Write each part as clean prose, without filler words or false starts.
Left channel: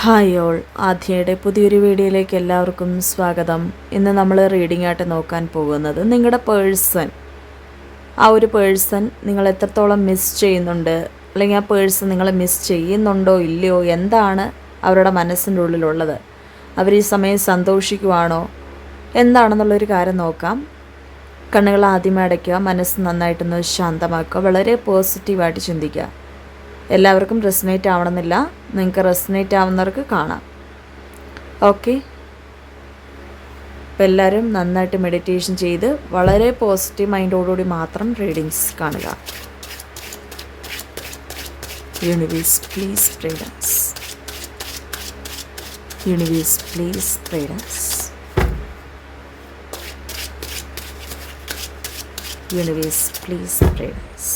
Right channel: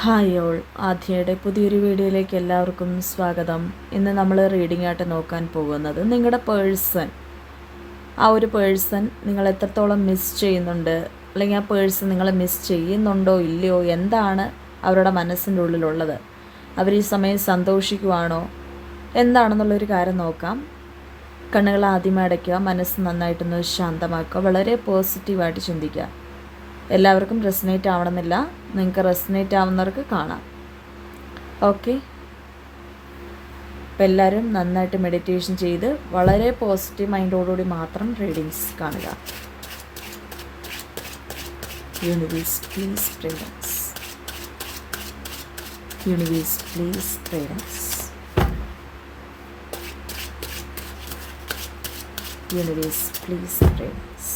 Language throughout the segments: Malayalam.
ഹായ് ഓൾ, ആദ്യയുടെ പുതിയൊരു വീഡിയോയിലേക്ക് എല്ലാവർക്കും സ്വാഗതം. ഇന്ന് നമ്മൾ റീഡിംഗ് ആയിട്ട് നോക്കാൻ പോകുന്നത് നിങ്ങളുടെ പേഴ്സൺ, ആ ഒരു പേഴ്സൺ നിങ്ങൾ എത്രത്തോളം മിസ് ചെയ്യുന്നുണ്ട്, അല്ലെങ്കിൽ ആ പേഴ്സൺ നിങ്ങളെ മിസ് ചെയ്യുന്നുണ്ടോ ഇല്ലയോ, എന്താണ് അവരുടെ മനസ്സിൻ്റെ ഉള്ളിലുള്ളത്, അവർ ഈ സമയം സന്തോഷിക്കുവാണോ എന്താണെന്നുള്ളൊരു കാര്യം നോക്കാം. കണ്ണുകൾ ആദ്യമേ അടയ്ക്കുക, മനസ്സ് നന്നായിട്ടൊന്ന് ശാന്തമാക്കുക, വളരെ പോസിറ്റീവായിട്ട് ചിന്തിക്കുക. എല്ലാവർക്കും റെസനേറ്റ് ആവണമെന്നില്ല, നിങ്ങൾക്ക് റെസനേറ്റ് ആവുന്നവർക്ക് കാണാം. ഓക്കെ, അപ്പോൾ എല്ലാവരും നന്നായിട്ട് മെഡിറ്റേഷൻ ചെയ്ത് വളരെ പോസിറ്റീവ് മൈൻഡോടുകൂടി മാത്രം റീഡിങ്സ് കാണുക. Universe please guidance, universe please guidance, universe please guidance.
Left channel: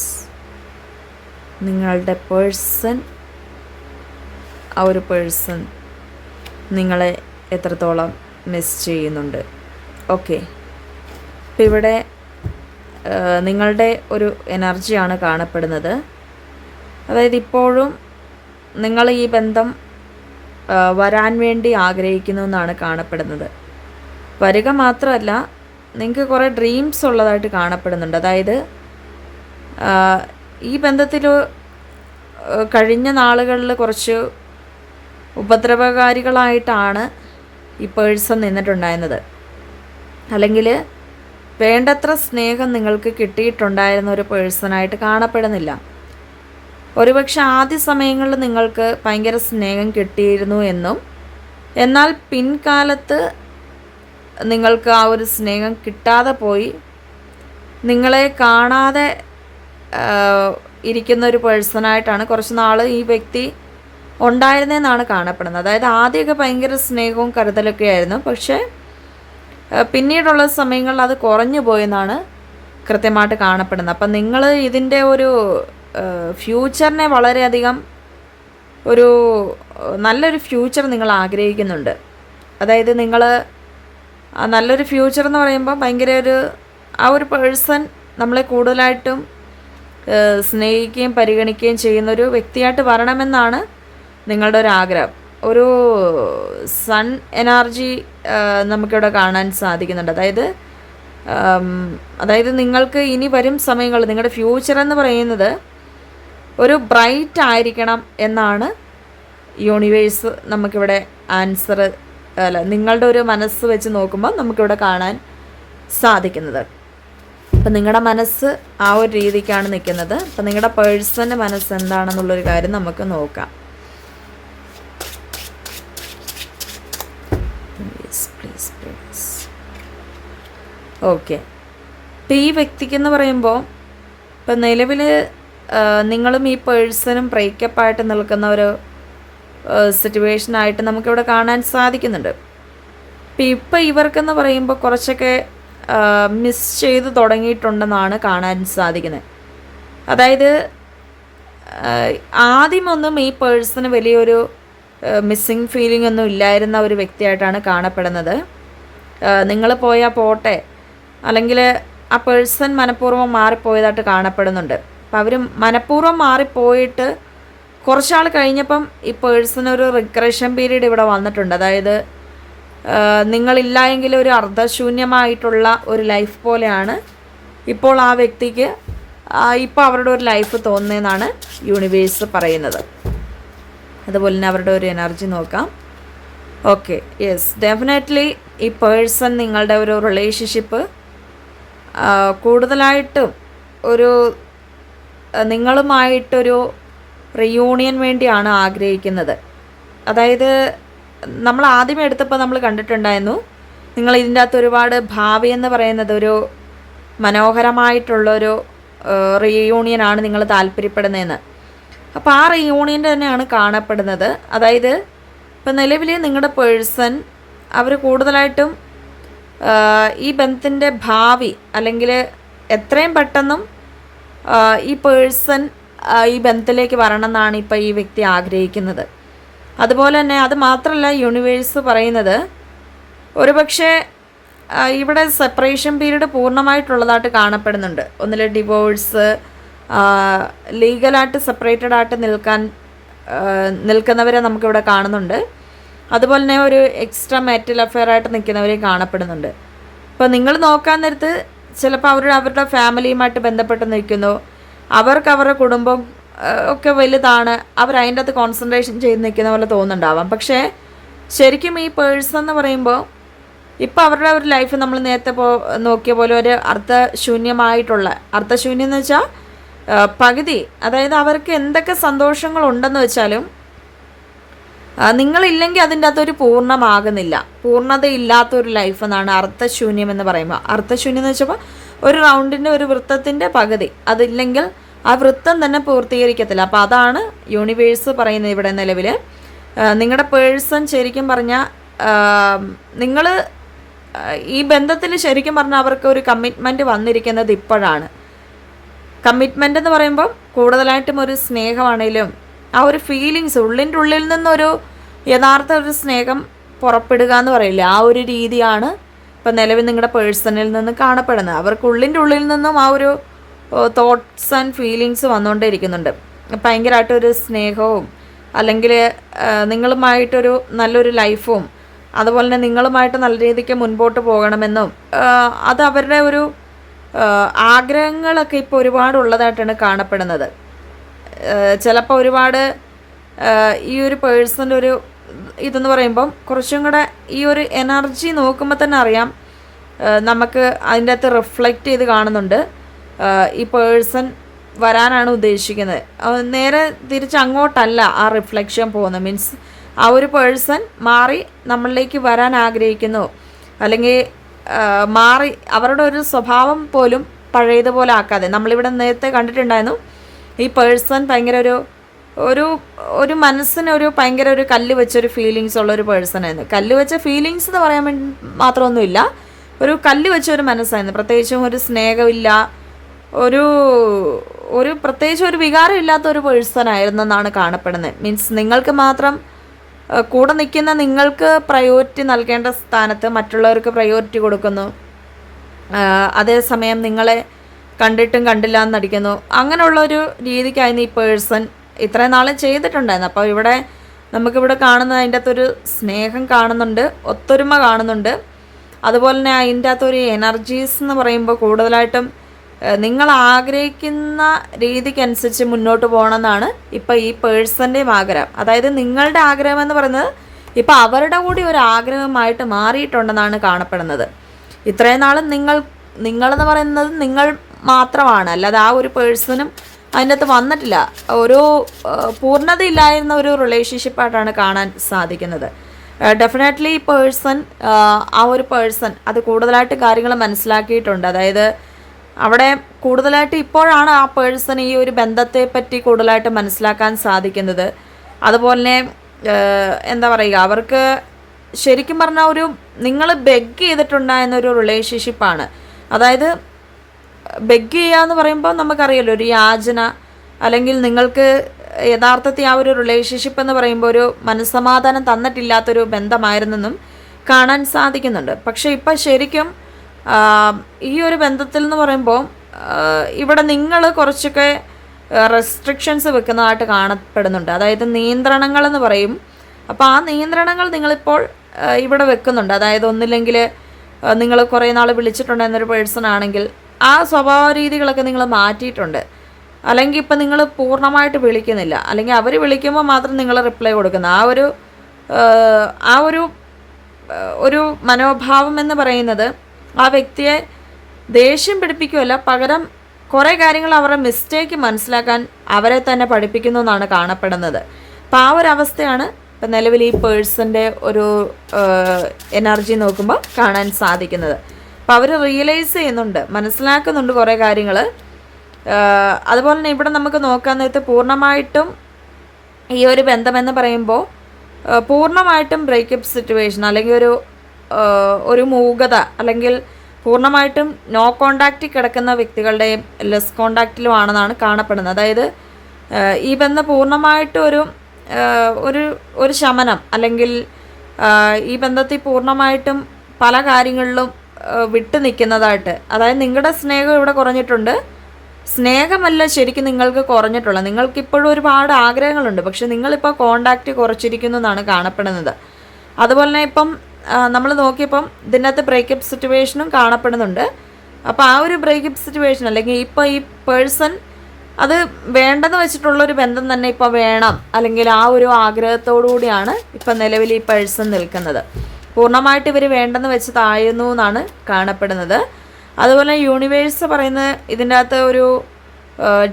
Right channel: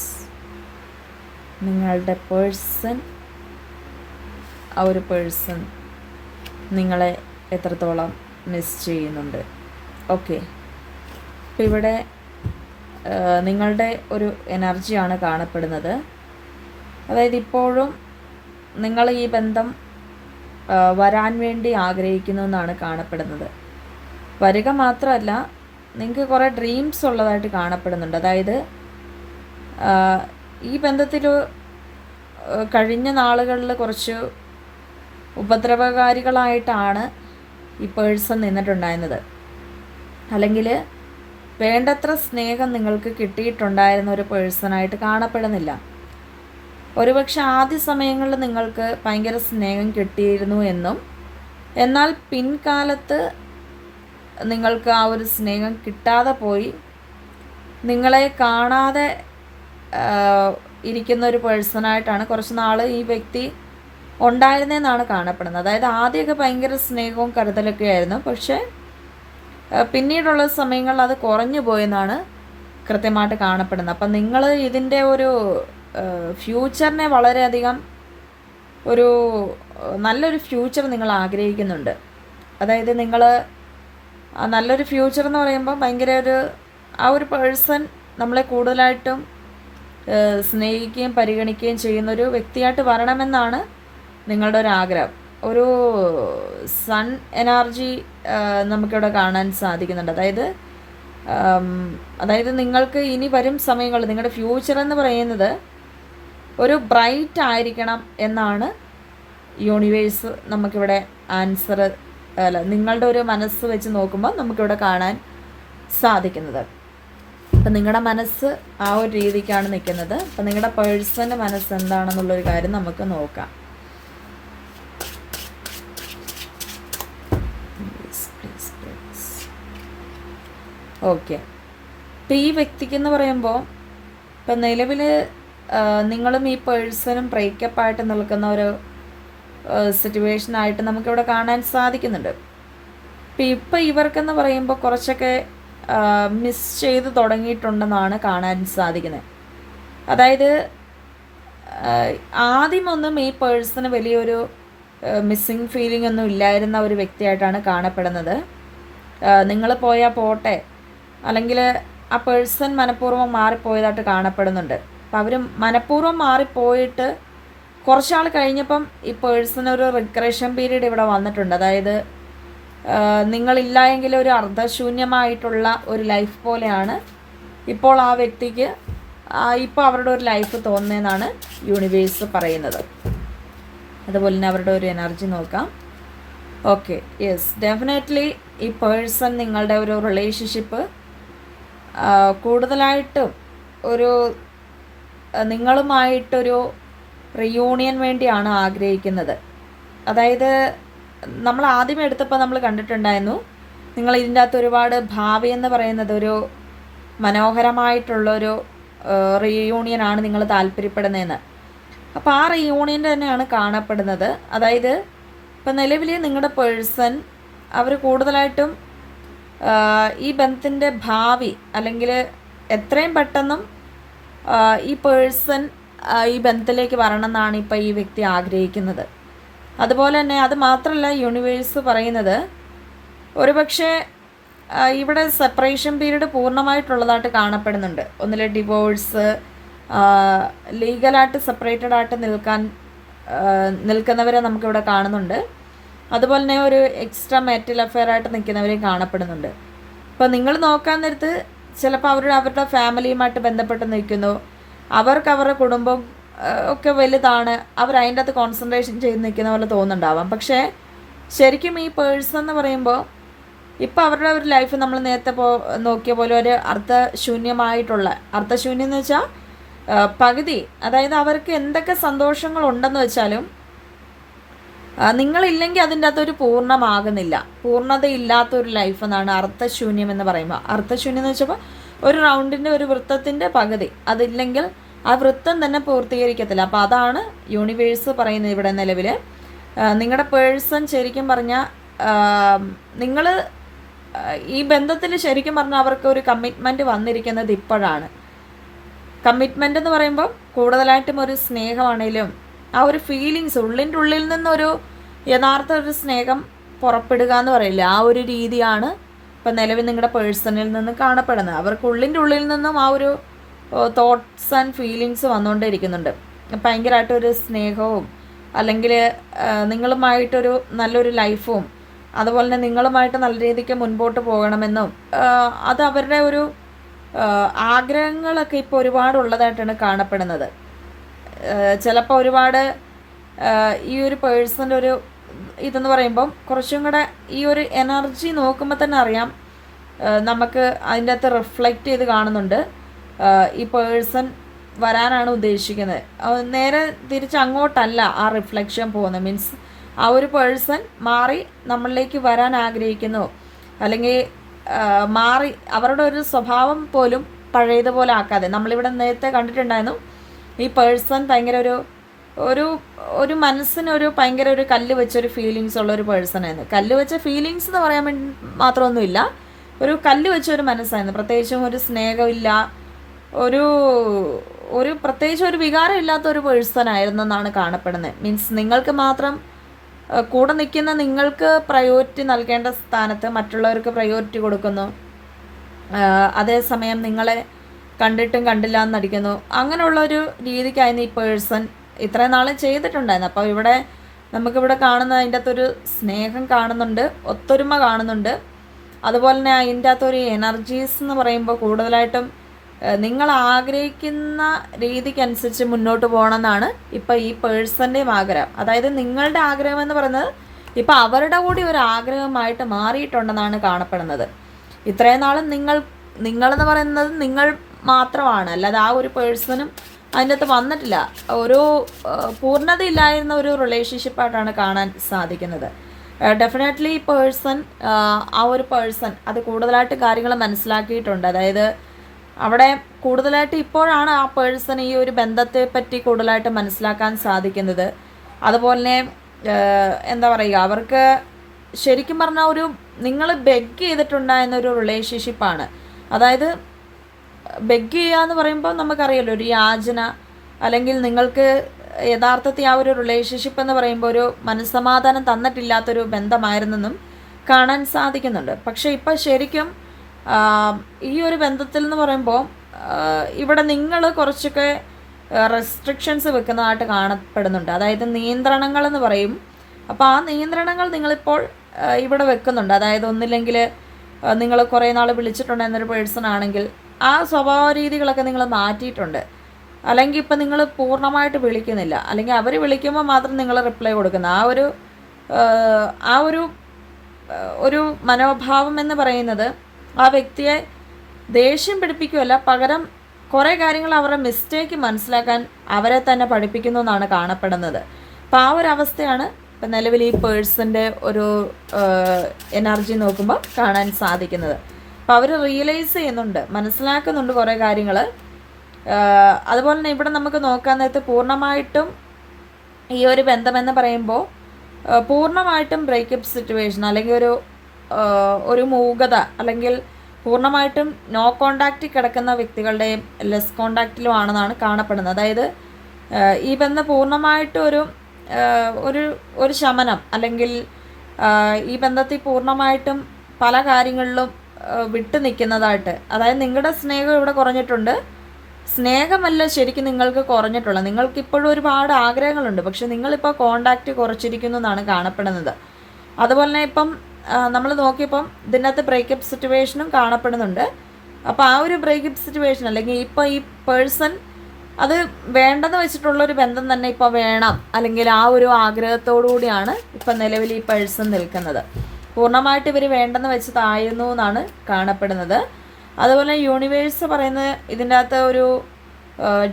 നിങ്ങളുടെ പേഴ്സൺ, ആ ഒരു പേഴ്സൺ നിങ്ങളെ എത്രത്തോളം മിസ് ചെയ്യുന്നുണ്ട്. ഓക്കെ, ഇപ്പം ഇവിടെ നിങ്ങളുടെ ഒരു എനർജിയാണ് കാണപ്പെടുന്നത്. അതായത് ഇപ്പോഴും നിങ്ങൾ ഈ ബന്ധം വരാൻ വേണ്ടി ആഗ്രഹിക്കുന്നു എന്നാണ് കാണപ്പെടുന്നത്. വരിക മാത്രമല്ല, നിങ്ങൾക്ക് കുറേ ഡ്രീംസ് ഉള്ളതായിട്ട് കാണപ്പെടുന്നുണ്ട്. അതായത് ഈ ബന്ധത്തിൽ കഴിഞ്ഞ നാളുകളിൽ കുറച്ച് ഉപദ്രവകാരികളായിട്ടാണ് ഈ പേഴ്സൺ നിന്നിട്ടുണ്ടായിരുന്നത്. അല്ലെങ്കിൽ വേണ്ടത്ര സ്നേഹം നിങ്ങൾക്ക് കിട്ടിയിട്ടുണ്ടായിരുന്ന ഒരു പേഴ്സണായിട്ട് കാണപ്പെടുന്നില്ല. ഒരുപക്ഷെ ആദ്യ സമയങ്ങളിൽ നിങ്ങൾക്ക് ഭയങ്കര സ്നേഹം കിട്ടിയിരുന്നു എന്നും, എന്നാൽ പിൻകാലത്ത് നിങ്ങൾക്ക് ആ ഒരു സ്നേഹം കിട്ടാതെ പോയി, നിങ്ങളെ കാണാതെ ഇരിക്കുന്ന ഒരു പേഴ്സണായിട്ടാണ് കുറച്ച് നാൾ ഈ വ്യക്തി ഉണ്ടായിരുന്നതെന്നാണ് കാണപ്പെടുന്നത്. അതായത് ആദ്യമൊക്കെ ഭയങ്കര സ്നേഹവും കരുതലൊക്കെ ആയിരുന്നു, പക്ഷേ പിന്നീടുള്ള സമയങ്ങളിൽ അത് കുറഞ്ഞു പോയെന്നാണ് കൃത്യമായിട്ട് കാണപ്പെടുന്നത്. അപ്പം നിങ്ങൾ ഇതിൻ്റെ ഒരു ഫ്യൂച്ചറിനെ വളരെയധികം ഒരു നല്ലൊരു ഫ്യൂച്ചർ നിങ്ങൾ ആഗ്രഹിക്കുന്നുണ്ട്. അതായത് നിങ്ങൾ നല്ലൊരു ഫ്യൂച്ചർ എന്ന് പറയുമ്പോൾ ഭയങ്കര ആ ഒരു പേഴ്സൺ നമ്മളെ കൂടുതലായിട്ടും സ്നേഹിക്കുകയും പരിഗണിക്കുകയും ചെയ്യുന്നൊരു വ്യക്തിയായിട്ട് വരണമെന്നാണ് നിങ്ങളുടെ ഒരു ആഗ്രഹം. ഒരു സൺ എനർജി നമുക്കിവിടെ കാണാൻ സാധിക്കുന്നുണ്ട്. അതായത് നിങ്ങൾക്ക് ഇനി വരും സമയങ്ങൾ, നിങ്ങളുടെ ഫ്യൂച്ചർ എന്ന് പറയുന്നത് ഒരു ബ്രൈറ്റ് ആയിരിക്കണം എന്നാണ് യൂണിവേഴ്സ് നമുക്കിവിടെ ആൻസർ, നിങ്ങളുടെ ഒരു മനസ്സ് വെച്ച് നോക്കുമ്പോൾ നമുക്കിവിടെ കാണാൻ സാധിക്കുന്നത്. അപ്പം നിങ്ങളുടെ മനസ്സ് ആ ഒരു രീതിക്കാണ് നിൽക്കുന്നത്. അപ്പം നിങ്ങളുടെ പേഴ്സൻ്റെ മനസ്സ് എന്താണെന്നുള്ളൊരു കാര്യം നമുക്ക് നോക്കാം. ഓക്കെ, ഇപ്പം ഈ വ്യക്തിക്കെന്ന് പറയുമ്പോൾ ഇപ്പം നിലവിൽ നിങ്ങളും ഈ പേഴ്സണും ബ്രേക്കപ്പായിട്ട് നിൽക്കുന്ന ഒരു സിറ്റുവേഷനായിട്ട് നമുക്കിവിടെ കാണാൻ സാധിക്കുന്നുണ്ട്. ഇപ്പം ഇവർക്കെന്ന് പറയുമ്പോൾ കുറച്ചൊക്കെ മിസ് ചെയ്ത് തുടങ്ങിയിട്ടുണ്ടെന്നാണ് കാണാൻ സാധിക്കുന്നത്. അതായത് ആദ്യമൊന്നും ഈ പേഴ്സണ് വലിയൊരു മിസ്സിങ് ഫീലിംഗ് ഒന്നും ഇല്ലായിരുന്ന ഒരു വ്യക്തിയായിട്ടാണ് കാണപ്പെടുന്നത്. നിങ്ങൾ പോയാൽ പോട്ടെ, അല്ലെങ്കിൽ ആ പേഴ്സൺ മനഃപൂർവ്വം മാറിപ്പോയതായിട്ട് കാണപ്പെടുന്നുണ്ട്. അപ്പം അവർ മനഃപൂർവ്വം മാറിപ്പോയിട്ട് കുറച്ചാൾ കഴിഞ്ഞപ്പം ഈ പേഴ്സണൊരു റിഗ്രഷൻ പീരീഡ് ഇവിടെ വന്നിട്ടുണ്ട്. അതായത് നിങ്ങളില്ല എങ്കിൽ ഒരു അർദ്ധശൂന്യമായിട്ടുള്ള ഒരു ലൈഫ് പോലെയാണ് ഇപ്പോൾ ആ വ്യക്തിക്ക് ഇപ്പോൾ അവരുടെ ഒരു ലൈഫ് തോന്നുന്നതെന്നാണ് യൂണിവേഴ്സ് പറയുന്നത്. അതുപോലെ തന്നെ അവരുടെ ഒരു എനർജി നോക്കാം. ഓക്കെ, യെസ്, ഡെഫിനറ്റ്ലി ഈ പേഴ്സൺ നിങ്ങളുടെ ഒരു റിലേഷൻഷിപ്പ് കൂടുതലായിട്ടും ഒരു നിങ്ങളുമായിട്ടൊരു റിയൂണിയൻ വേണ്ടിയാണ് ആഗ്രഹിക്കുന്നത്. അതായത് നമ്മൾ ആദ്യമേ എടുത്തപ്പോൾ നമ്മൾ കണ്ടിട്ടുണ്ടായിരുന്നു, നിങ്ങൾ ഇതിൻ്റെ അകത്ത് ഒരുപാട് ഭാവി എന്ന് പറയുന്നത് ഒരു മനോഹരമായിട്ടുള്ളൊരു റിയൂണിയനാണ് നിങ്ങൾ താല്പര്യപ്പെടുന്നതെന്ന്. അപ്പോൾ ആ റിയൂണിയൻ്റെ തന്നെയാണ് കാണപ്പെടുന്നത്. അതായത് ഇപ്പം നിലവിൽ നിങ്ങളുടെ പേഴ്സൺ അവർ കൂടുതലായിട്ടും ഈ ബന്ധത്തിൻ്റെ ഭാവി, അല്ലെങ്കിൽ എത്രയും പെട്ടെന്നും ഈ പേഴ്സൺ ഈ ബന്ധത്തിലേക്ക് വരണം എന്നാണ് ഇപ്പോൾ ഈ വ്യക്തി ആഗ്രഹിക്കുന്നത്. അതുപോലെ തന്നെ അത് മാത്രമല്ല, യൂണിവേഴ്സ് പറയുന്നത് ഒരുപക്ഷെ ഇവിടെ സെപ്പറേഷൻ പീരീഡ് പൂർണ്ണമായിട്ടുള്ളതായിട്ട് കാണപ്പെടുന്നുണ്ട്. ഒന്നിലെ ഡിവോഴ്സ്, ലീഗലായിട്ട് സെപ്പറേറ്റഡ് ആയിട്ട് നിൽക്കാൻ നിൽക്കുന്നവരെ നമുക്കിവിടെ കാണുന്നുണ്ട്. അതുപോലെ തന്നെ ഒരു എക്സ്ട്രാ മാരിറ്റൽ അഫെയർ ആയിട്ട് നിൽക്കുന്നവരെയും കാണപ്പെടുന്നുണ്ട്. അപ്പോൾ നിങ്ങൾ നോക്കാൻ നേരത്ത് ചിലപ്പോൾ അവരുടെ ഫാമിലിയുമായിട്ട് ബന്ധപ്പെട്ട് നിൽക്കുന്നു, അവർക്ക് അവരുടെ കുടുംബം ഒക്കെ വലുതാണ്, അതിൻ്റെ അകത്ത് കോൺസെൻട്രേഷൻ ചെയ്ത് നിൽക്കുന്ന പോലെ തോന്നുന്നുണ്ടാവാം. പക്ഷേ ശരിക്കും ഈ പേഴ്സൺ എന്ന് പറയുമ്പോൾ ഇപ്പോൾ അവരുടെ ഒരു ലൈഫ് നമ്മൾ നേരത്തെ നോക്കിയ പോലെ ഒരു അർത്ഥശൂന്യം എന്ന് വെച്ചാൽ പകുതി, അതായത് അവർക്ക് എന്തൊക്കെ സന്തോഷങ്ങളുണ്ടെന്ന് വെച്ചാലും നിങ്ങളില്ലെങ്കിൽ അതിൻ്റെ അകത്തൊരു പൂർണ്ണമാകുന്നില്ല, പൂർണ്ണതയില്ലാത്തൊരു ലൈഫ് എന്നാണ് അർത്ഥശൂന്യം എന്ന് പറയുമ്പോൾ. അർത്ഥശൂന്യം എന്ന് വെച്ചപ്പോൾ ഒരു റൗണ്ടിൻ്റെ ഒരു വൃത്തത്തിൻ്റെ പകുതി, അതില്ലെങ്കിൽ ആ വൃത്തം തന്നെ പൂർത്തീകരിക്കത്തില്ല. അപ്പോൾ അതാണ് യൂണിവേഴ്സ് പറയുന്നത് ഇവിടെ നിലവിൽ. നിങ്ങളുടെ പേഴ്സൺ ശരിക്കും പറഞ്ഞാൽ നിങ്ങൾ ഈ ബന്ധത്തിൽ ശരിക്കും പറഞ്ഞാൽ അവർക്ക് ഒരു കമ്മിറ്റ്മെൻറ്റ് വന്നിരിക്കുന്നത് ഇപ്പോഴാണ്. കമ്മിറ്റ്മെൻ്റ് എന്ന് പറയുമ്പോൾ കൂടുതലായിട്ടും ഒരു സ്നേഹമാണെങ്കിലും ആ ഒരു ഫീലിങ്സ് ഉള്ളിൻ്റെ ഉള്ളിൽ നിന്നൊരു യഥാർത്ഥ ഒരു സ്നേഹം പുറപ്പെടുക എന്ന് പറയില്ല, ആ ഒരു രീതിയാണ് ഇപ്പം നിലവിൽ നിങ്ങളുടെ പേഴ്സണിൽ നിന്ന് കാണപ്പെടുന്നത്. അവർക്ക് ഉള്ളിൻ്റെ ഉള്ളിൽ നിന്നും ആ ഒരു തോട്ട്സ് ആൻഡ് ഫീലിങ്സ് വന്നുകൊണ്ടിരിക്കുന്നുണ്ട്. ഭയങ്കരമായിട്ടൊരു സ്നേഹവും അല്ലെങ്കിൽ നിങ്ങളുമായിട്ടൊരു നല്ലൊരു ലൈഫും അതുപോലെ തന്നെ നിങ്ങളുമായിട്ട് നല്ല രീതിക്ക് മുൻപോട്ട് പോകണമെന്നും അത് അവരുടെ ഒരു ആഗ്രഹങ്ങളൊക്കെ ഇപ്പോൾ ഒരുപാടുള്ളതായിട്ടാണ് കാണപ്പെടുന്നത്. ചിലപ്പോൾ ഒരുപാട് ഈ ഒരു പേഴ്സൻ്റെ ഒരു ഇതെന്ന് പറയുമ്പം കുറച്ചും കൂടെ ഈ ഒരു എനർജി നോക്കുമ്പോൾ തന്നെ അറിയാം, നമുക്ക് അതിൻ്റെ അകത്ത് റിഫ്ലക്റ്റ് ചെയ്ത് കാണുന്നുണ്ട്. ഈ പേഴ്സൺ വരാനാണ് ഉദ്ദേശിക്കുന്നത്, നേരെ തിരിച്ച് അങ്ങോട്ടല്ല ആ റിഫ്ലക്ഷൻ പോകുന്നത്. മീൻസ് ആ ഒരു പേഴ്സൺ മാറി നമ്മളിലേക്ക് വരാൻ ആഗ്രഹിക്കുന്നു, അല്ലെങ്കിൽ മാറി അവരുടെ ഒരു സ്വഭാവം പോലും പഴയതുപോലെ ആക്കാതെ. നമ്മളിവിടെ നേരത്തെ കണ്ടിട്ടുണ്ടായിരുന്നു ഈ പേഴ്സൺ ഭയങ്കര ഒരു മനസ്സിനൊരു ഭയങ്കര ഒരു കല്ല് വെച്ചൊരു ഫീലിങ്സ് ഉള്ളൊരു പേഴ്സണായിരുന്നു. കല്ല് വെച്ച ഫീലിങ്സ് എന്ന് പറയാൻ വേണ്ടി മാത്രമൊന്നുമില്ല, ഒരു കല്ല് വെച്ചൊരു മനസ്സായിരുന്നു. പ്രത്യേകിച്ചും ഒരു സ്നേഹമില്ല, ഒരു പ്രത്യേകിച്ച് ഒരു വികാരം ഇല്ലാത്ത ഒരു പേഴ്സൺ ആയിരുന്നെന്നാണ് കാണപ്പെടുന്നത്. മീൻസ് നിങ്ങൾക്ക് മാത്രം കൂടെ നിൽക്കുന്ന നിങ്ങൾക്ക് പ്രയോറിറ്റി നൽകേണ്ട സ്ഥാനത്ത് മറ്റുള്ളവർക്ക് പ്രയോറിറ്റി കൊടുക്കുന്നു, അതേസമയം നിങ്ങളെ കണ്ടിട്ടും കണ്ടില്ല എന്നടിക്കുന്നു. അങ്ങനെയുള്ളൊരു രീതിക്കായിരുന്നു ഈ പേഴ്സൺ ഇത്രയും നാളും ചെയ്തിട്ടുണ്ടായിരുന്നു. അപ്പോൾ നമുക്കിവിടെ കാണുന്നത് അതിൻ്റെ അകത്തൊരു സ്നേഹം കാണുന്നുണ്ട്, ഒത്തൊരുമ കാണുന്നുണ്ട്. അതുപോലെ തന്നെ അതിൻ്റെ അകത്തൊരു എനർജീസ് എന്ന് പറയുമ്പോൾ കൂടുതലായിട്ടും നിങ്ങൾ ആഗ്രഹിക്കുന്ന രീതിക്കനുസരിച്ച് മുന്നോട്ട് പോകണമെന്നാണ് ഇപ്പോൾ ഈ പേഴ്സൻ്റെയും ആഗ്രഹം. അതായത് നിങ്ങളുടെ ആഗ്രഹം എന്ന് പറയുന്നത് ഇപ്പോൾ അവരുടെ കൂടി ഒരു ആഗ്രഹമായിട്ട് മാറിയിട്ടുണ്ടെന്നാണ് കാണപ്പെടുന്നത്. ഇത്രയും നാളും നിങ്ങളെന്ന് പറയുന്നത് നിങ്ങൾ മാത്രമാണ്, അല്ലാതെ ആ ഒരു പേഴ്സണും അതിൻ്റെ അകത്ത് വന്നിട്ടില്ല. ഒരു പൂർണ്ണതയില്ലായിരുന്ന ഒരു റിലേഷൻഷിപ്പായിട്ടാണ് കാണാൻ സാധിക്കുന്നത്. ഡെഫിനറ്റ്ലി ആ ഒരു പേഴ്സൺ അത് കൂടുതലായിട്ട് കാര്യങ്ങൾ മനസ്സിലാക്കിയിട്ടുണ്ട്. അതായത് അവിടെ കൂടുതലായിട്ട് ഇപ്പോഴാണ് ആ പേഴ്സൺ ഈ ഒരു ബന്ധത്തെ പറ്റി കൂടുതലായിട്ട് മനസ്സിലാക്കാൻ സാധിക്കുന്നത്. അതുപോലെ എന്താ പറയുക, അവർക്ക് ശരിക്കും പറഞ്ഞാൽ നിങ്ങൾ ബെഗ് ചെയ്തിട്ടുണ്ടായിരുന്നൊരു റിലേഷൻഷിപ്പാണ്. അതായത് ബെഗ് ചെയ്യുക എന്ന് പറയുമ്പോൾ നമുക്കറിയാലോ, ഒരു യാചന, അല്ലെങ്കിൽ നിങ്ങൾക്ക് യഥാർത്ഥത്തിൽ ആ ഒരു റിലേഷൻഷിപ്പ് എന്ന് പറയുമ്പോൾ ഒരു മനസ്സമാധാനം തന്നിട്ടില്ലാത്തൊരു ബന്ധമായിരുന്നെന്നും കാണാൻ സാധിക്കുന്നുണ്ട്. പക്ഷേ ഇപ്പം ശരിക്കും ഈ ഒരു ബന്ധത്തിൽ എന്ന് പറയുമ്പോൾ ഇവിടെ നിങ്ങൾ കുറച്ചൊക്കെ റെസ്ട്രിക്ഷൻസ് വെക്കുന്നതായിട്ട് കാണപ്പെടുന്നുണ്ട്. അതായത് നിയന്ത്രണങ്ങളെന്ന് പറയും. അപ്പോൾ ആ നിയന്ത്രണങ്ങൾ നിങ്ങളിപ്പോൾ ഇവിടെ വെക്കുന്നുണ്ട്. അതായത് ഒന്നില്ലെങ്കിൽ നിങ്ങൾ കുറേ നാൾ വിളിച്ചിട്ടുണ്ടെന്നൊരു പേഴ്സൺ ആണെങ്കിൽ ആ സ്വഭാവ രീതികളൊക്കെ നിങ്ങൾ മാറ്റിയിട്ടുണ്ട്. അല്ലെങ്കിൽ ഇപ്പം നിങ്ങൾ പൂർണ്ണമായിട്ട് വിളിക്കുന്നില്ല, അല്ലെങ്കിൽ അവർ വിളിക്കുമ്പോൾ മാത്രം നിങ്ങൾ റിപ്ലൈ കൊടുക്കുന്ന ആ ഒരു മനോഭാവം എന്ന് പറയുന്നത് ആ വ്യക്തിയെ ദേഷ്യം പിടിപ്പിക്കുകയല്ല, പകരം കുറേ കാര്യങ്ങൾ അവരുടെ മിസ്റ്റേക്ക് മനസ്സിലാക്കാൻ അവരെ തന്നെ പഠിപ്പിക്കുന്നു എന്നാണ് കാണപ്പെടുന്നത്. അപ്പോൾ ആ ഒരു അവസ്ഥയാണ് ഇപ്പം നിലവിൽ ഈ പേഴ്സൻ്റെ ഒരു എനർജി നോക്കുമ്പോൾ കാണാൻ സാധിക്കുന്നത്. അപ്പോൾ അവർ റിയലൈസ് ചെയ്യുന്നുണ്ട്, മനസ്സിലാക്കുന്നുണ്ട് കുറേ കാര്യങ്ങൾ. അതുപോലെ തന്നെ ഇവിടെ നമുക്ക് നോക്കാൻ നേരത്ത് പൂർണ്ണമായിട്ടും ഈ ഒരു ബന്ധമെന്ന് പറയുമ്പോൾ പൂർണ്ണമായിട്ടും ബ്രേക്കപ്പ് സിറ്റുവേഷൻ, അല്ലെങ്കിൽ ഒരു മൂകത, അല്ലെങ്കിൽ പൂർണ്ണമായിട്ടും നോ കോണ്ടാക്റ്റിൽ കിടക്കുന്ന വ്യക്തികളുടെയും ലെസ് കോണ്ടാക്റ്റിലും ആണെന്നാണ് കാണപ്പെടുന്നത്. അതായത് ഈ ബന്ധം പൂർണ്ണമായിട്ടും ഒരു ശമനം, അല്ലെങ്കിൽ ഈ ബന്ധത്തിൽ പൂർണ്ണമായിട്ടും പല കാര്യങ്ങളിലും വിട്ടു നിൽക്കുന്നതായിട്ട്, അതായത് നിങ്ങളുടെ സ്നേഹം ഇവിടെ കുറഞ്ഞിട്ടുണ്ട്, സ്നേഹമല്ല ശരിക്കും നിങ്ങൾക്ക് കുറഞ്ഞിട്ടുള്ളത്. നിങ്ങൾക്കിപ്പോഴും ഒരുപാട് ആഗ്രഹങ്ങളുണ്ട്, പക്ഷെ നിങ്ങളിപ്പോൾ കോണ്ടാക്റ്റ് കുറച്ചിരിക്കുന്നു എന്നാണ് കാണപ്പെടുന്നത്. അതുപോലെ തന്നെ ഇപ്പം നമ്മൾ നോക്കിയപ്പം ഇതിനകത്ത് ബ്രേക്കപ്പ് സിറ്റുവേഷനും കാണപ്പെടുന്നുണ്ട്. അപ്പോൾ ആ ഒരു ബ്രേക്കപ്പ് സിറ്റുവേഷൻ അല്ലെങ്കിൽ ഇപ്പോൾ ഈ പേഴ്സൺ അത് വേണ്ടെന്ന് വെച്ചിട്ടുള്ളൊരു ബന്ധം തന്നെ ഇപ്പോൾ വേണം, അല്ലെങ്കിൽ ആ ഒരു ആഗ്രഹത്തോടു കൂടിയാണ് ഇപ്പം നിലവിൽ ഈ പേഴ്സൺ നിൽക്കുന്നത്. പൂർണ്ണമായിട്ട് ഇവർ വേണ്ടെന്ന് വെച്ച് താഴുന്നു എന്നാണ് കാണപ്പെടുന്നത്. അതുപോലെ യൂണിവേഴ്സ് പറയുന്ന ഇതിൻ്റെ അകത്ത് ഒരു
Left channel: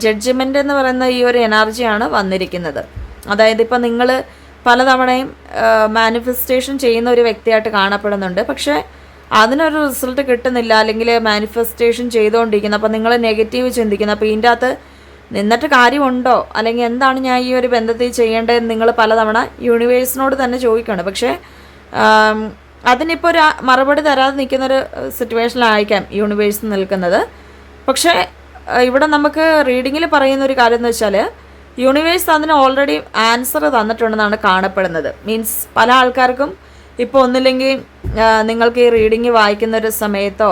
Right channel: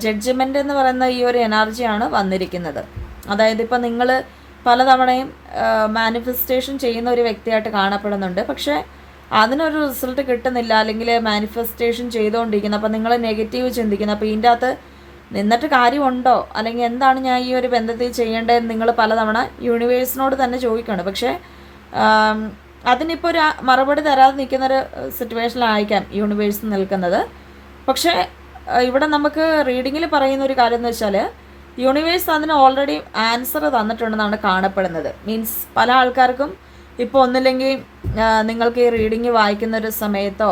ജഡ്ജ്മെൻ്റ് എന്ന് പറയുന്ന ഈ ഒരു എനർജിയാണ് വന്നിരിക്കുന്നത്. അതായത് ഇപ്പം നിങ്ങൾ പലതവണയും മാനിഫെസ്റ്റേഷൻ ചെയ്യുന്ന ഒരു വ്യക്തിയായിട്ട് കാണപ്പെടുന്നുണ്ട്, പക്ഷേ അതിനൊരു റിസൾട്ട് കിട്ടുന്നില്ല, അല്ലെങ്കിൽ മാനിഫെസ്റ്റേഷൻ ചെയ്തുകൊണ്ടിരിക്കുന്നത്. അപ്പോൾ നിങ്ങൾ നെഗറ്റീവ് ചിന്തിക്കുന്നു. അപ്പോൾ ഇതിൻ്റെ അകത്ത് നിന്നിട്ട് കാര്യമുണ്ടോ, അല്ലെങ്കിൽ എന്താണ് ഞാൻ ഈ ഒരു ബന്ധത്തിൽ ചെയ്യേണ്ടതെന്ന് നിങ്ങൾ പലതവണ യൂണിവേഴ്സിനോട് തന്നെ ചോദിക്കുകയാണ്. പക്ഷേ അതിനിപ്പോൾ ഒരു മറുപടി തരാതെ നിൽക്കുന്നൊരു സിറ്റുവേഷനിലായിരിക്കാം യൂണിവേഴ്സ് നിൽക്കുന്നത്. പക്ഷേ ഇവിടെ നമുക്ക് റീഡിങ്ങിൽ പറയുന്ന ഒരു കാര്യം എന്ന് വെച്ചാൽ യൂണിവേഴ്സ് അതിന് ഓൾറെഡി ആൻസർ തന്നിട്ടുണ്ടെന്നാണ് കാണപ്പെടുന്നത്. മീൻസ് പല ആൾക്കാർക്കും ഇപ്പോൾ ഒന്നില്ലെങ്കിൽ നിങ്ങൾക്ക് ഈ റീഡിങ് വായിക്കുന്ന ഒരു സമയത്തോ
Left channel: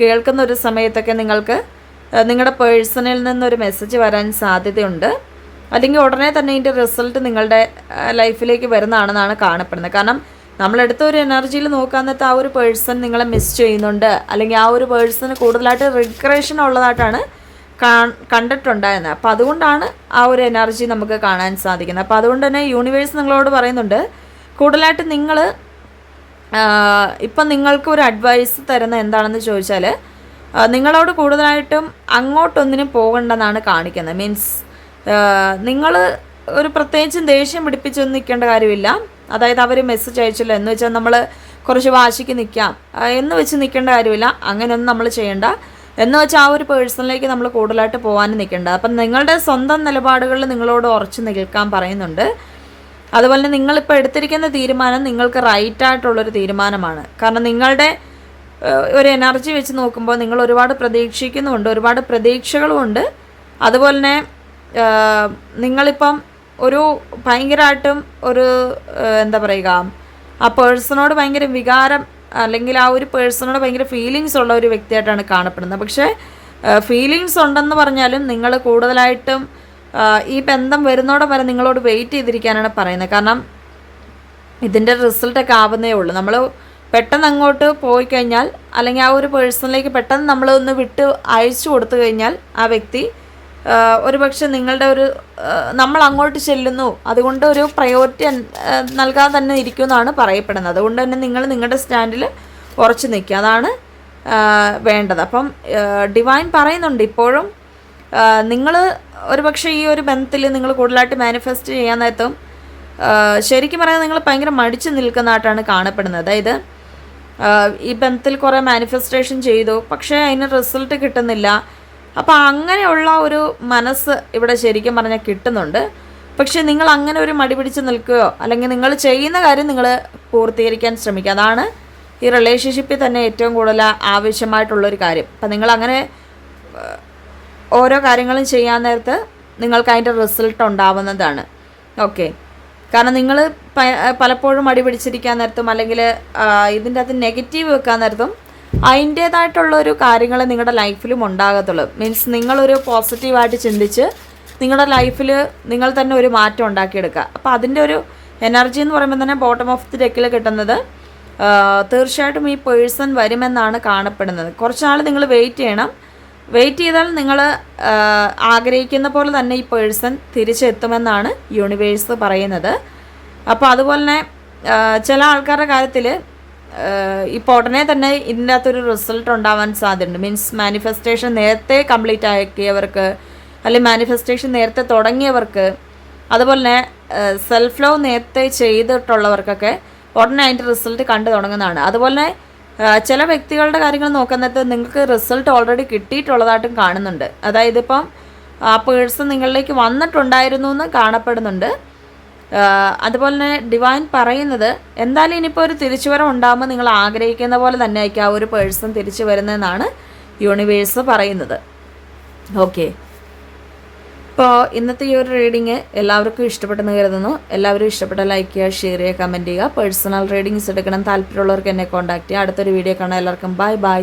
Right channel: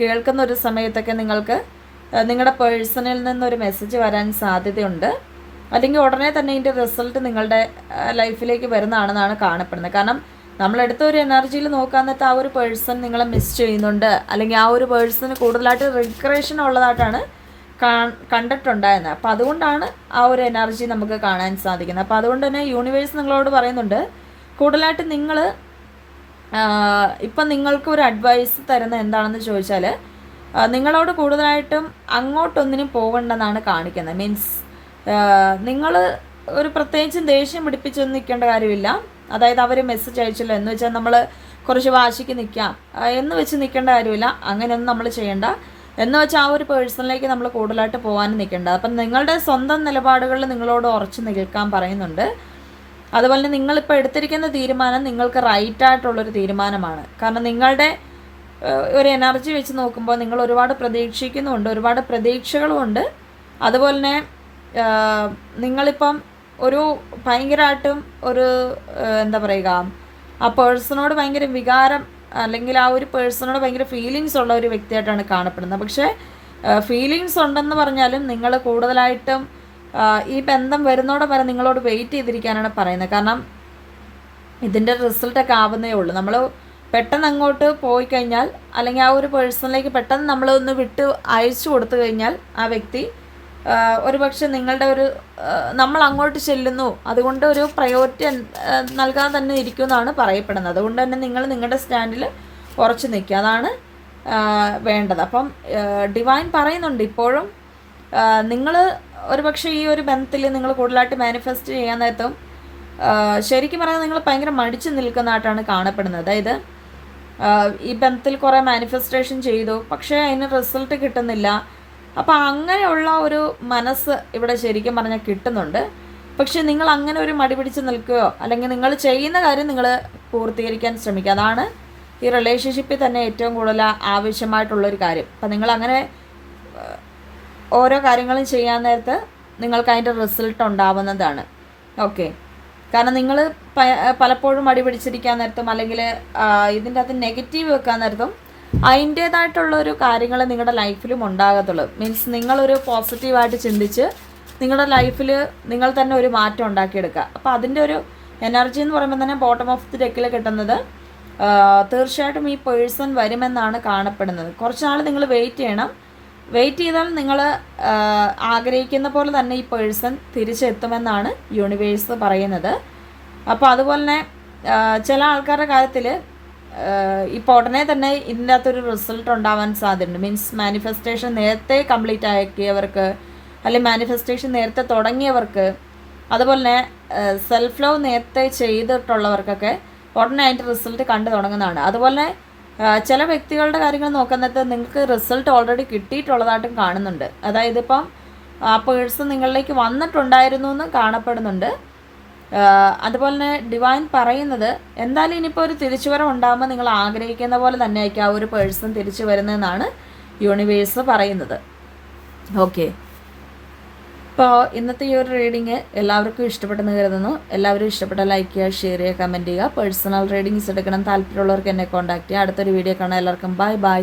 കേൾക്കുന്ന ഒരു സമയത്തൊക്കെ നിങ്ങൾക്ക് നിങ്ങളുടെ പേഴ്സണിൽ നിന്നൊരു മെസ്സേജ് വരാൻ സാധ്യതയുണ്ട്, അല്ലെങ്കിൽ ഉടനെ തന്നെ ഇതിൻ്റെ റിസൾട്ട് നിങ്ങളുടെ ലൈഫിലേക്ക് വരുന്നതാണെന്നാണ് കാണപ്പെടുന്നത്. കാരണം നമ്മളെടുത്ത ഒരു എനർജിയിൽ നോക്കാന്നത്തെ ആ ഒരു പേഴ്സൺ നിങ്ങളെ മിസ് ചെയ്യുന്നുണ്ട്, അല്ലെങ്കിൽ ആ ഒരു പേഴ്സണ് കൂടുതലായിട്ട് റിഗ്രഷൻ ഉള്ളതായിട്ടാണ് കണ്ടിട്ടുണ്ടായിരുന്നത്. അപ്പോൾ അതുകൊണ്ടാണ് ആ ഒരു എനർജി നമുക്ക് കാണാൻ സാധിക്കുന്നത്. അപ്പോൾ അതുകൊണ്ട് തന്നെ യൂണിവേഴ്സ് നിങ്ങളോട് പറയുന്നുണ്ട്, കൂടുതലായിട്ട് നിങ്ങൾ ഇപ്പം നിങ്ങൾക്ക് ഒരു അഡ്വൈസ് തരുന്ന എന്താണെന്ന് ചോദിച്ചാൽ നിങ്ങളോട് കൂടുതലായിട്ടും അങ്ങോട്ടൊന്നിനും പോകണ്ടെന്നാണ് കാണിക്കുന്നത്. മീൻസ് നിങ്ങൾ ഒരു പ്രത്യേകിച്ചും ദേഷ്യം പിടിപ്പിച്ചൊന്നും നിൽക്കേണ്ട കാര്യമില്ല. അതായത് അവർ മെസ്സേജ് അയച്ചില്ല എന്ന് വെച്ചാൽ നമ്മൾ കുറച്ച് വാശിക്ക് നിൽക്കാം എന്ന് വെച്ച് നിൽക്കേണ്ട കാര്യമില്ല. അങ്ങനെയൊന്നും നമ്മൾ ചെയ്യേണ്ട. എന്ന് വെച്ചാൽ ആ ഒരു പേഴ്സണിലേക്ക് നമ്മൾ കൂടുതലായിട്ട് പോകാനും നിൽക്കേണ്ട. അപ്പം നിങ്ങളുടെ സ്വന്തം നിലപാടുകളിൽ നിങ്ങളോട് ഉറച്ചു നിൽക്കാൻ പറയുന്നുണ്ട്. അതുപോലെ തന്നെ നിങ്ങളിപ്പോൾ എടുത്തിരിക്കുന്ന തീരുമാനം നിങ്ങൾക്ക് റൈറ്റായിട്ടുള്ളൊരു തീരുമാനമാണ്. കാരണം നിങ്ങളുടെ ഒരു എനർജി വെച്ച് നോക്കുമ്പോൾ നിങ്ങൾ ഒരുപാട് പ്രതീക്ഷിക്കുന്നുമുണ്ട്, ഒരുപാട് പ്രതീക്ഷകളുമുണ്ട്. അതുപോലെ തന്നെ നിങ്ങളിപ്പം ഒരു ഭയങ്കരമായിട്ടും ഒരു എന്താ പറയുക, ആ പേഴ്സണോട് ഭയങ്കര വികാരം അല്ലെങ്കിൽ ആ ഒരു പേഴ്സണോട് ഭയങ്കര ഫീലിങ്സ് ഉള്ള ഒരു വ്യക്തിയായിട്ടാണ് കാണപ്പെടുന്നത്. പക്ഷേ ഫീലിങ്സ് ഉണ്ടെന്ന് പറഞ്ഞാലും നിങ്ങൾ കൂടുതലായിട്ടും ഈ ബന്ധം വരുന്നോടെ വരെ നിങ്ങളോട് വെയിറ്റ് ചെയ്തിരിക്കാനാണ് പറയുന്നത്. കാരണം ഇതിൻ്റെ റിസൾട്ടൊക്കെ ആവുന്നേ ഉള്ളൂ. നമ്മൾ പെട്ടെന്ന് അങ്ങോട്ട് പോയി കഴിഞ്ഞാൽ, അല്ലെങ്കിൽ ആ ഒരു പേഴ്സണിലേക്ക് പെട്ടെന്ന് നമ്മളൊന്ന് വിട്ട് അയച്ചു കൊടുത്തു കഴിഞ്ഞാൽ ആ വ്യക്തി ഒരുപക്ഷെ നിങ്ങളുടെ ഒരു നമ്മൾ അങ്ങോട്ട് ചെല്ലുന്നു, അതുകൊണ്ട് ഒരു പ്രയോറിറ്റി നൽകാതെ തന്നെ ഇരിക്കുമെന്നാണ് പറയപ്പെടുന്നത്. അതുകൊണ്ട് തന്നെ നിങ്ങൾ നിങ്ങളുടെ സ്റ്റാൻഡിൽ ഉറച്ചു നിൽക്കുക, അതാണ് വേണ്ടത്. അപ്പം ഡിവൈൻ പറയുന്നുണ്ട് ഇപ്പോഴും നിങ്ങൾ ഒരുപക്ഷെ ഈ ഒരു ബന്ധത്തിൽ നിങ്ങൾ കൂടുതലായിട്ട് മാനിഫെസ്റ്റ് ചെയ്യാൻ നേരത്തും ശരിക്കും പറയാൻ നിങ്ങൾ ഭയങ്കര മടിച്ചു നിൽക്കുന്നതായിട്ടാണ് കാണപ്പെടുന്നത്. അതായത് ഈ ബന്ധത്തിൽ കുറേ മാനിഫെസ്റ്റേഷൻ ചെയ്തു, പക്ഷേ അതിന് റിസൾട്ട് കിട്ടുന്നില്ല. അപ്പോൾ അങ്ങനെയുള്ള ഒരു മനസ്സ് ഇവിടെ ശരിക്കും പറഞ്ഞാൽ കിട്ടുന്നുണ്ട്. പക്ഷേ നിങ്ങൾ അങ്ങനെ ഒരു മടി പിടിച്ച് നിൽക്കുകയോ അല്ലെങ്കിൽ നിങ്ങൾ ചെയ്യുന്ന കാര്യം നിങ്ങൾ പൂർത്തീകരിക്കാൻ ശ്രമിക്കുക. അതാണ് ഈ റിലേഷൻഷിപ്പിൽ തന്നെ ഏറ്റവും കൂടുതൽ ആവശ്യമായിട്ടുള്ളൊരു കാര്യം. അപ്പം നിങ്ങളങ്ങനെ ഓരോ കാര്യങ്ങളും ചെയ്യാൻ നേരത്ത് നിങ്ങൾക്ക് അതിൻ്റെ റിസൾട്ട് ഉണ്ടാവുന്നതാണ്. ഓക്കെ, കാരണം നിങ്ങൾ പലപ്പോഴും മടി പിടിച്ചിരിക്കാൻ നേരത്തും അല്ലെങ്കിൽ ഇതിൻ്റെ അകത്ത് നെഗറ്റീവ് വെക്കാൻ നേരത്തും അതിൻ്റേതായിട്ടുള്ളൊരു കാര്യങ്ങൾ നിങ്ങളുടെ ലൈഫിലും ഉണ്ടാകത്തുള്ളൂ. മീൻസ് നിങ്ങളൊരു പോസിറ്റീവായിട്ട് ചിന്തിച്ച് നിങ്ങളുടെ ലൈഫിൽ നിങ്ങൾ തന്നെ ഒരു മാറ്റം ഉണ്ടാക്കിയെടുക്കുക. അപ്പോൾ അതിൻ്റെ ഒരു എനർജി എന്ന് പറയുമ്പോൾ തന്നെ ബോട്ടം ഓഫ് ദി ഡെക്കിൽ കിട്ടുന്നത് തീർച്ചയായിട്ടും ഈ പേഴ്സൺ വരുമെന്നാണ് കാണപ്പെടുന്നത്. കുറച്ച് നാൾ നിങ്ങൾ വെയിറ്റ് ചെയ്യണം. വെയിറ്റ് ചെയ്താൽ നിങ്ങൾ ആഗ്രഹിക്കുന്ന പോലെ തന്നെ ഈ പേഴ്സൺ തിരിച്ചെത്തുമെന്നാണ് യൂണിവേഴ്സ് പറയുന്നത്. അപ്പോൾ അതുപോലെ തന്നെ ചില ആൾക്കാരുടെ കാര്യത്തിൽ ഇപ്പോൾ ഉടനെ തന്നെ ഇതിൻ്റെ അകത്തൊരു റിസൾട്ട് ഉണ്ടാവാൻ സാധ്യതയുണ്ട്. മീൻസ് മാനിഫെസ്റ്റേഷൻ നേരത്തെ കംപ്ലീറ്റ് ആക്കിയവർക്ക്, അല്ലെങ്കിൽ മാനിഫെസ്റ്റേഷൻ നേരത്തെ തുടങ്ങിയവർക്ക്, അതുപോലെ തന്നെ സെൽഫ് ലവ് നേരത്തെ ചെയ്തിട്ടുള്ളവർക്കൊക്കെ ഉടനെ അതിൻ്റെ റിസൾട്ട് കണ്ടു തുടങ്ങുന്നതാണ്. അതുപോലെ ചില വ്യക്തികളുടെ കാര്യങ്ങൾ നോക്കുന്നത് നിങ്ങൾക്ക് റിസൾട്ട് ഓൾറെഡി കിട്ടിയിട്ടുള്ളതായിട്ടും കാണുന്നുണ്ട്. അതായത് ഇപ്പം ആ പേഴ്സൺ നിങ്ങളിലേക്ക് വന്നിട്ടുണ്ടായിരുന്നു എന്ന് കാണപ്പെടുന്നുണ്ട്. അതുപോലെ തന്നെ ഡിവൈൻ പറയുന്നത് എന്തായാലും ഇനിയിപ്പോൾ ഒരു തിരിച്ചുവരവ് ഉണ്ടാകുമ്പോൾ നിങ്ങൾ ആഗ്രഹിക്കുന്ന പോലെ തന്നെ ആയിരിക്കും ആ ഒരു പേഴ്സൺ തിരിച്ചു വരുന്നതെന്നാണ് യൂണിവേഴ്സ് പറയുന്നത്. ഓക്കെ, ഇപ്പോൾ ഇന്നത്തെ ഈ ഒരു റീഡിങ് എല്ലാവർക്കും ഇഷ്ടപ്പെട്ടെന്ന് കരുതുന്നു. എല്ലാവരും ഇഷ്ടപ്പെട്ട ലൈക്ക് ചെയ്യുക, ഷെയർ ചെയ്യുക, കമൻറ്റ് ചെയ്യുക. പേഴ്സണൽ റീഡിങ്സ് എടുക്കണം താല്പര്യമുള്ളവർക്ക് എന്നെ കോൺടാക്ട് ചെയ്യുക. അടുത്തൊരു വീഡിയോ കാണാം. എല്ലാവർക്കും ബൈ ബൈ.